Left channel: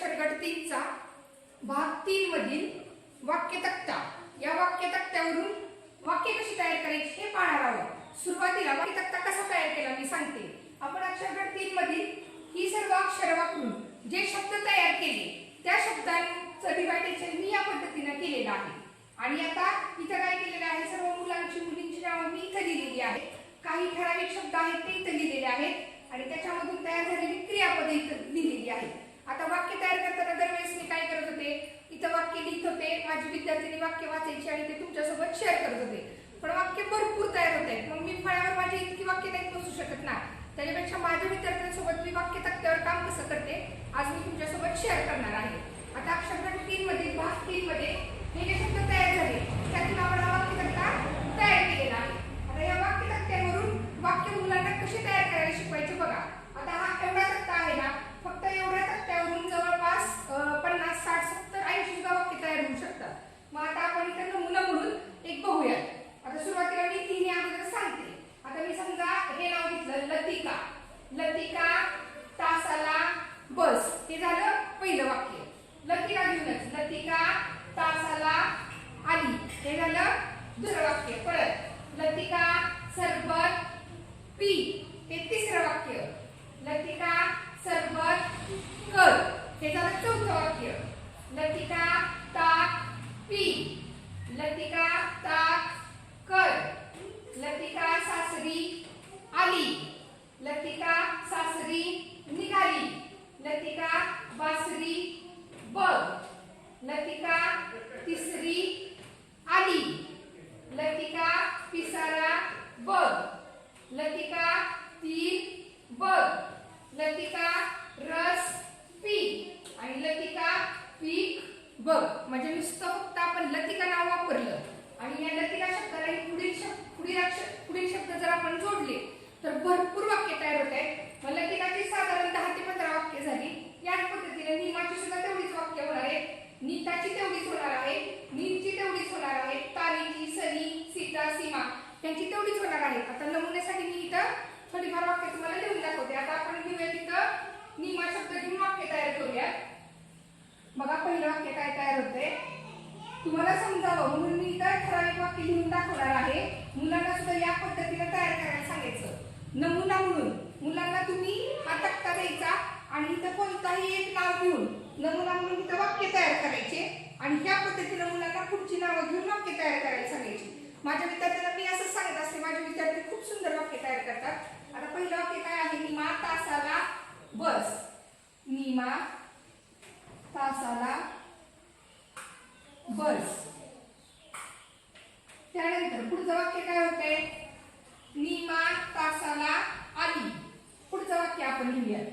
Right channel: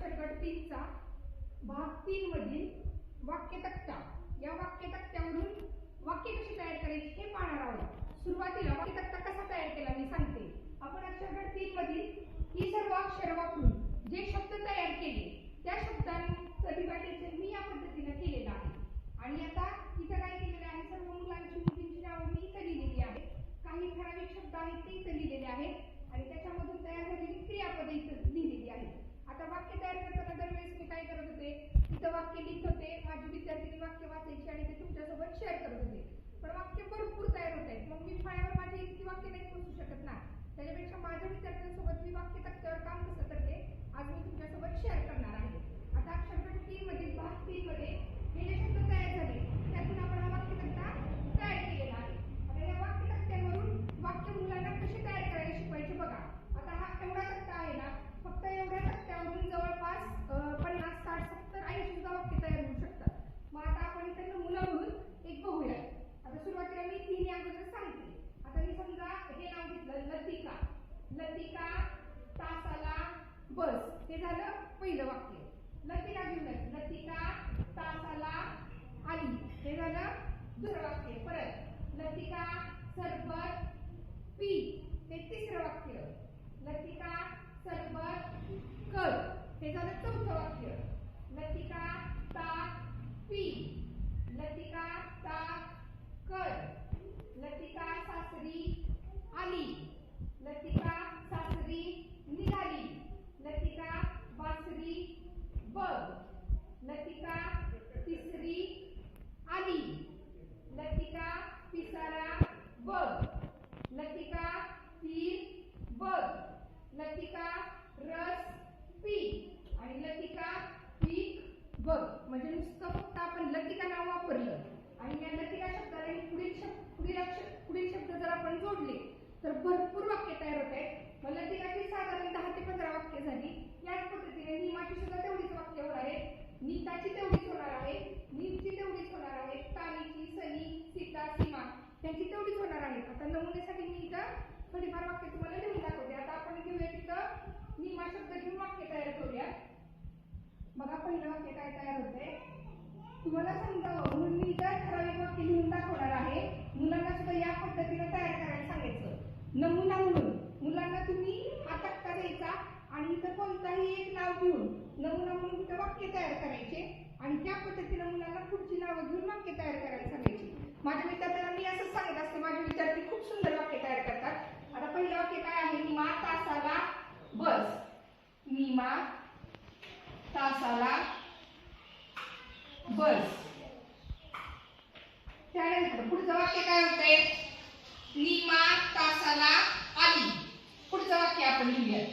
अक्षर तीनचा भाग तीन मधील वाक्य तक्ता. या वाक्य तक्त्यावरून वाक्य कशी तयार करायची हे पाहणार आहोत. सुरुवातीला वाक्य तक्ता कसा तयार केला मी सांगते. आपण अक्षरगट तीन मधील ही सर्व अक्षर वापरून जे शब्द तयार केले त्या शब्दांचं डिवायडेशन मी या पद्धतीनं केलेलं आहे आणि आता इथं काय केलेलं आहे सर्व मुलांची मुलींची नावं मी इथं लिहिलेली आहेत काही ठराविक शब्द आहेत ते इथं लिहिलेले आहेत आणि त्याच्यामधून तयार झालेली क्रियापदे इथं लिहिलेली आहेत आता वाक्य तयार करताना दरवेळेस मी काय करत होते इथं वाक्य लिहित होते माझी विद्यार्थ्यांनी वाक्य वाचायची आणि ते तुमच्यासोबत शेअर करत होते. पण वाक्य भरपूर तयार होत आहेत. मग मी फळ्यावर माझी इतकी वाक्य नाही बसू शकत ना. त्याच्यापेक्षा माझ्या विद्यार्थ्यांसोबत मी वाक्य तक्त्यावर काम कसं करते आज मी तुमच्यासोबत शेअर करणार आहे. आता अक्षरगट तीन मध्ये भाग तीन मध्ये हे जे शब्द तयार झाले त्यातून आपण हा वाक्य तक्ता तयार केलेला आहे आता या वाक्य तक्त्यावरून वाक्य मुलांना कशी तयार करायला शिकवायचे बघा आता हा एवढा तक्ता आहे ना फक्त एवढ्या तक्त्यावरून जवळपास अं, पन्नास साठ सत्तर ऐंशी सुद्धा वाक्य तयार होऊ शकतात मग आता आपण इथं नमुना म्हणून एक बघूया आता सुरुवातीला मी तिन्ही अगोदर सांगते आता मी समजा हे नाव घेतलं लतिका लतिका तासाला बस हे झालं पहिलं वाक्य लतिका घेऊनच लतिका तासाला आली हे झालं दुसरं वाक्य परत लतिका सरबत पी हे तिसरं वाक्य लतिका सरबत कर हे झालं चौथं वाक्य लतिका ताक पी लतिका ताक कर लतिका सासरी आली लतिका सासरी निघाली लतिका बासरी बघ लतिका तिसरी आली लतिका पिसारा बघ लतिका तीन बघ लतिका रस पी आणि लतिका पीक बघ. म्हणजे नुसतं फक्त आपण लतिका नाव वापरलं. आणि या लतिका शब्दाला पुढील शब्द पुढील पुढील शब्द जर आपण जोडले तर भरपूर वाक्य तयार होत आहेत मग लतिकाची साधारण दहा ते पंधरा वाक्य झाली याच पद्धतीने निमाची सुद्धा तेवढीच वाक्य होणार आहे नीताची तेवढीच होणार आहे नीलची तेवढीच होणार आहे तारीची सनी सीता सीमा त्यांची तेवढीच होणार आहे आता नमुन्यासाठी मी इथं थोडीफार वाक्य तुम्हाला लिहून दाखवते आता आपण घेऊया तिथं निमा शब्द घेऊन वाक्य तयार करूया बघा पहिलं वाक्य काय तयार होतंय तुम्हाला समजावं. म्हणून मी इतर ठराविक वाक्य लिहून दाखवणार आहे. मुलांना सुद्धा या पद्धतीने तयार करायला सांगायचं. नमुना म्हणून मुलांना तुम्ही हा तक्ता द्यायचा आणि इथं कोणताही एक नाव घेऊन नमुना म्हणून इथं वाक्य तयार करायचे आणि ह्या पद्धतीने मुलांना पुढची नावं घेऊन वाक्य तयार करायला सांगायची. माझ्या विद्यार्थ्यांना मी असं सांगत असते माझे विद्यार्थी खूप सुंदर वाक्य तयार करतात. आता पहिलं वाक्य काय आहे? निमा तासाला बस. निमा तासाला बस. पुढचं वाक्य काय होतंय? निमा तासाला आली. पुढचं वाक्य आपण लिहूया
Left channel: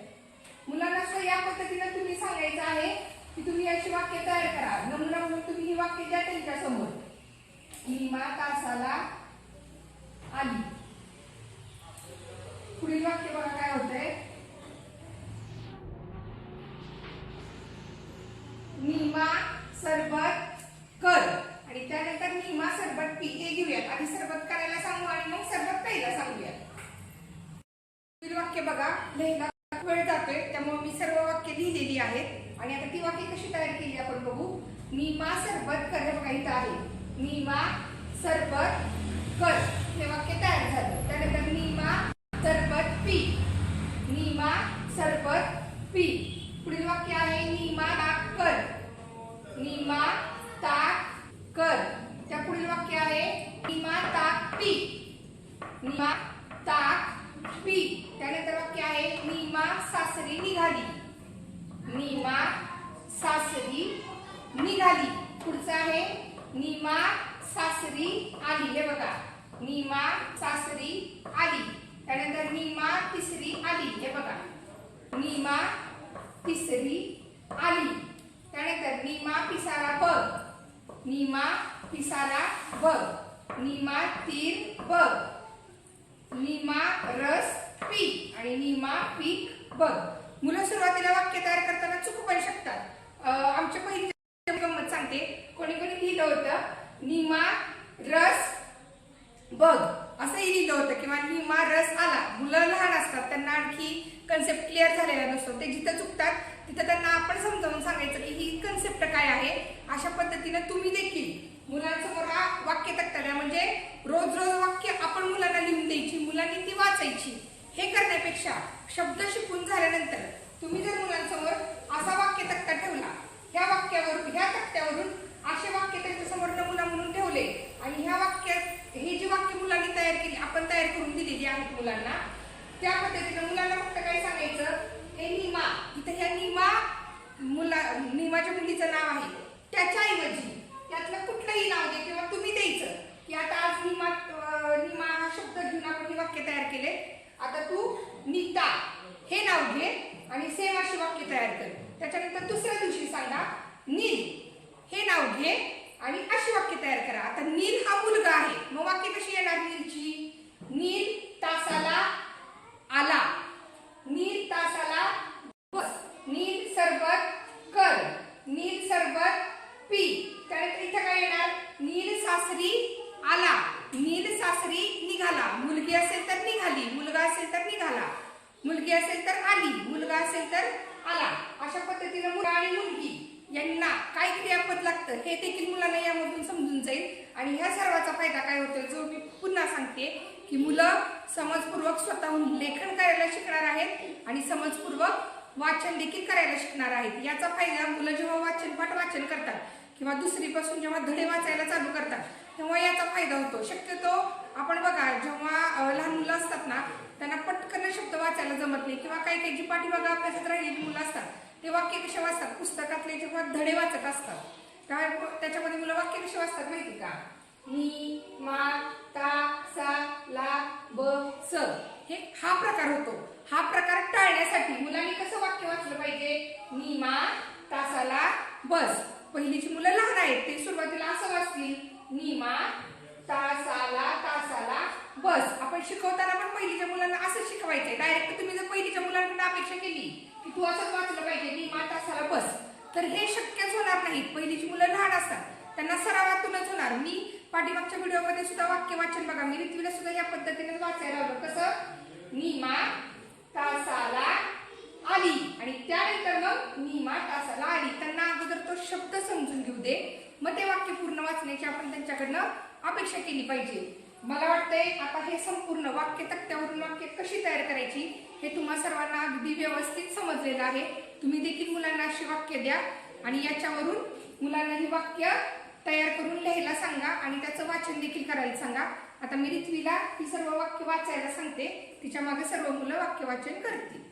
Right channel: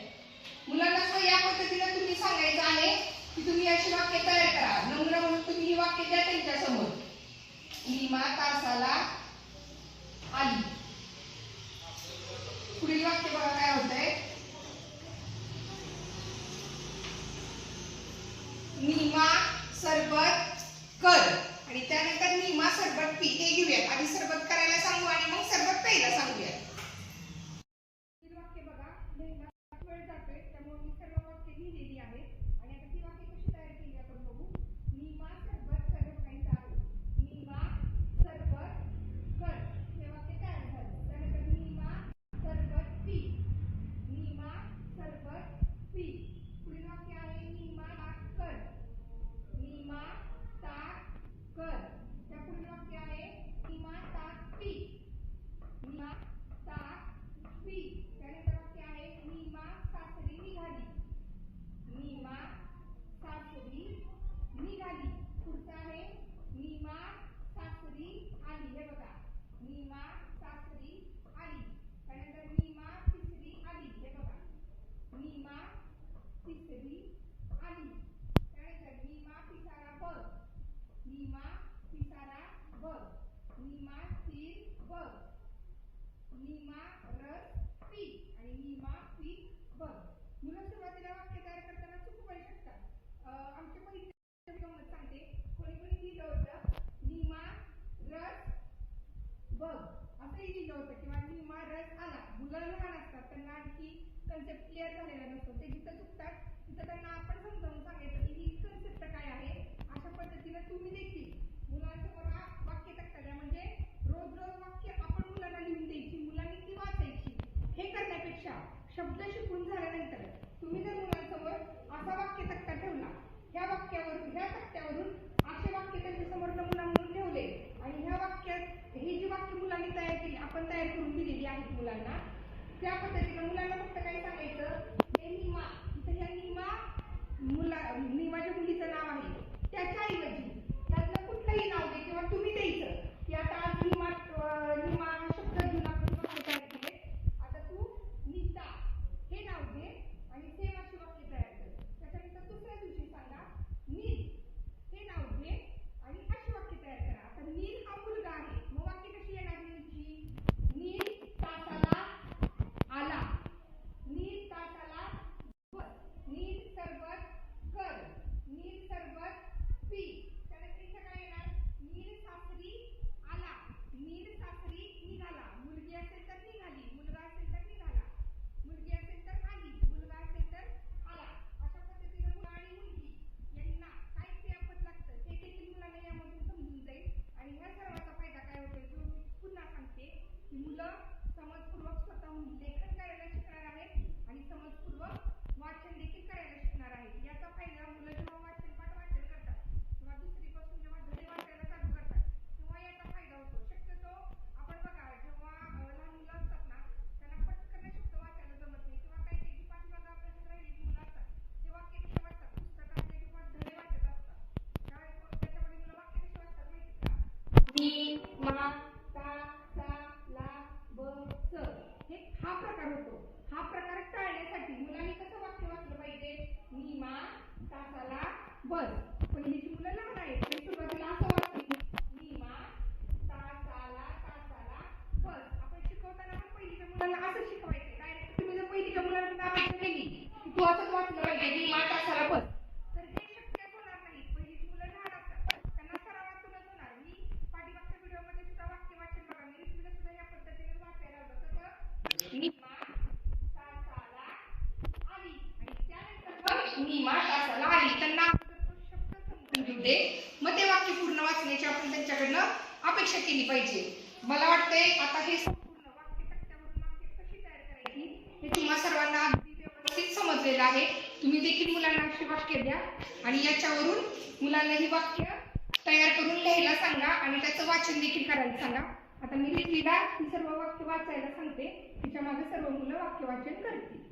मुलांना या पद्धतीनं तुम्ही सांगायचं आहे की तुम्ही अशी वाक्य तयार करा. नमुना म्हणून तुम्ही ही वाक्य द्या त्यांच्यासमोर. निमा तासाला आली. पुढील वाक्य बघा काय होतंय? निमा सरबत कर. आणि त्यानंतर निमा सरबत पी. ते घेऊया आधी सरबत करायला सांगू आणि मग सरबत प्यायला सांगूया पुढील वाक्य बघा लिहायला वेळ जातोय त्यामुळे मी सर्व वाक्य लिहिलेली आहेत आणि आता ती वाक्य कशी तयार केली आपण बघू निमा सरबत कर हे बघा इथं आहे निमा सरबत कर हे वाक्य तयार झालं त्यानंतर निमा सरबत पी निमा सरबत पी पुढील वाक्य आहे निमा ताक कर निमा ताक कर त्या पुढील वाक्य आहे निमा ताक पी निमा ताक पी त्यानंतर वाक्य आहे निमा सासरी निघाली. निमा सासरी निघाली. पुढचं आहे निमा सासरी आली. हे बघा. निमा सासरी आली त्यानंतर निमा तिसरी आली हे बघा निमा तिसरी आली त्यानंतर निमा पिसारा बघ निमा पिसारा बघ निमा तीर बघ निमा रस आहे. आणि निमा पीक बघ मुलं सुरुवातीला वाक्य तयार करताना चुकू पण शकतात. आमच्या पहिली गंमत सांगते. कोणी कोणी लिहिलं होतं निमा रस बघ. असंही लिहिलं होतं किंवा निमा रस आला. मुलं लहान असतात त्यांना आणखी कन्सेप्ट क्लिअर झालेला नसतो. ते जिथं चुकतात तिथं त्यांना आपण समजावून सांगायचं की ही कन्सेप्ट काय आहे. अशा पद्धतीनं तुम्ही देखील मुलांसमोर हा वाक्य तक्ता म्हणजे रोज रोज वाक्य आपण मुलांना लिहून द्यायची मुलांनी ती वाचायची. हे करण्यापेक्षा शब्द शिकून झाल्यानंतर तुम्ही जर मुलांसमोर असा वाक्य तक्ता ठेवला ह्या वाक्यावरून ह्या तक्त्यावरून असे वाक्य त्यांच्यासमोर नमुना म्हणून ठेवले आणि ह्या वाक्यात हे जी वाक्य मुलांनी तयार केली आपण तयार करून दिलेली आहेत मुलांना त्या पद्धतीने मुलांना फक्त काय सांगायचं हे निमा इथं ह्या निमा मुला निमाच्या मुलीचं नाव आहे. त्याच्या त्यातलं कुठलंही नाव दे किंवा तुम्ही द्यायचं की आता आज निमा अं, निमा हा शब्द घेऊन आपण हे वाक्य तयार केले आता तू नीता हे नाव घे आणि सेम अशी वाक्य तयार कर. त्याच्यानंतर दुसऱ्या दिवशी सांगा नील हे नाव घे आणि अशी वाक्य तयार करा आता नील हा मुलगा आहे मग वाक्य कशी येणार नीलची नील तासाला आला नील तासाला बस नील सरबत कर नील सरबत पी त्यानंतर इथं काय येणार नील सासरी आला नील सासरी निघाला मुलगी असेल तर निघाली मुलगा असेल तर निघाला मुलगी असेल तर आली मुलगा असेल तर आला अशा पद्धतीने मुलगा आणि मुलगी यांना काय क्रियापद हे देखील मुलांना यामधून समजून जाईल. आणि ह्या सर्वाचा फायदा काय होतो जो मी पुन्हा सांगते की मुलं समजपूर्वक स्वतःहून लेखन करायला शिकणार आहेत आणि समजपूर्वक वाचन देखील करायला शिकणार आहेत. याचा फायदा मुलं जेव्हा वाचन पाठ वाचन करतात किंवा दुसरीपासून जेव्हा धडे वाचायला चालू करतात तेव्हा याचा फायदा होतो. शक्यतो आपण बघा जेव्हा लहान मुलं असतात ना त्यांना पटकन शब्द वाचायला जमत नाही किंवा काही काही जी पाठीमागा अभ्यासात राहिलेली मुलं असतात ते वाक्य कसे वाचतात पुस्तकातले जेव्हा धडे वाचत असतात काय त्याच्यामध्ये मुलं वाक्य कसे वाचतात माहिती का? नी मा ता सा ला ब स. हे हा प्रकार होतो. हा प्रकार टाळण्यासाठी मुलांनी कसं वाक्य वाचलं पाहिजे? नी मा तासाला बस. पहिलीची मुलं लहान आहेत ते सुरुवातीला असं वाचली. नी मा तासाला तासाला बस. आपण शिकवताना पण पहिलीच्या मुलांना असं शिकवायचंय. डायरेक्ट तुम्ही जर पहिलीच्या मुलांकडे अपेक्षा केली की तू असंच वाचलं पाहिजे. नी मा तासाला बस. तर हे शक्यच होणार नाही. पहिलीची मुलं लहान असतात. त्यांना सरावातूनच होणार. मी पाठीमागच्या व्हिडिओमध्ये सुद्धा वाक्य वाचन बघा. मी ऋतवीला सुद्धा या पद्धतीने वाचायला लावलं. कसं? निमा तासाला आली. आणि त्यानंतर मग निमा तासाला आली. त्यांना अगोदर तो शब्द समजून घेऊ दे. मग ते वाक्य पूर्ण वाचण्याची आपण त्यांच्याकडनं अपेक्षा केली पाहिजे. मला वाटतंय आता हे संपूर्ण वाक्य तक्त्यावरून वाक्य कशी तयार करायची हे तुम्हा सर्वांना अगदी व्यवस्थित समजलेलं आहे. तुम्ही देखील मुलांना अशी वाक्य द्या आणि याच्यावरून मुलांना ही वाक्य तयार करून लिहायला सांगा आणि त्याचं वाचन देखील करायला सांगा. आता मी रित्वीला ही सर्व वाक्य वाचायला सांगते. तिच्यामागे सर्व मुलं वाक्य वाचन करतील.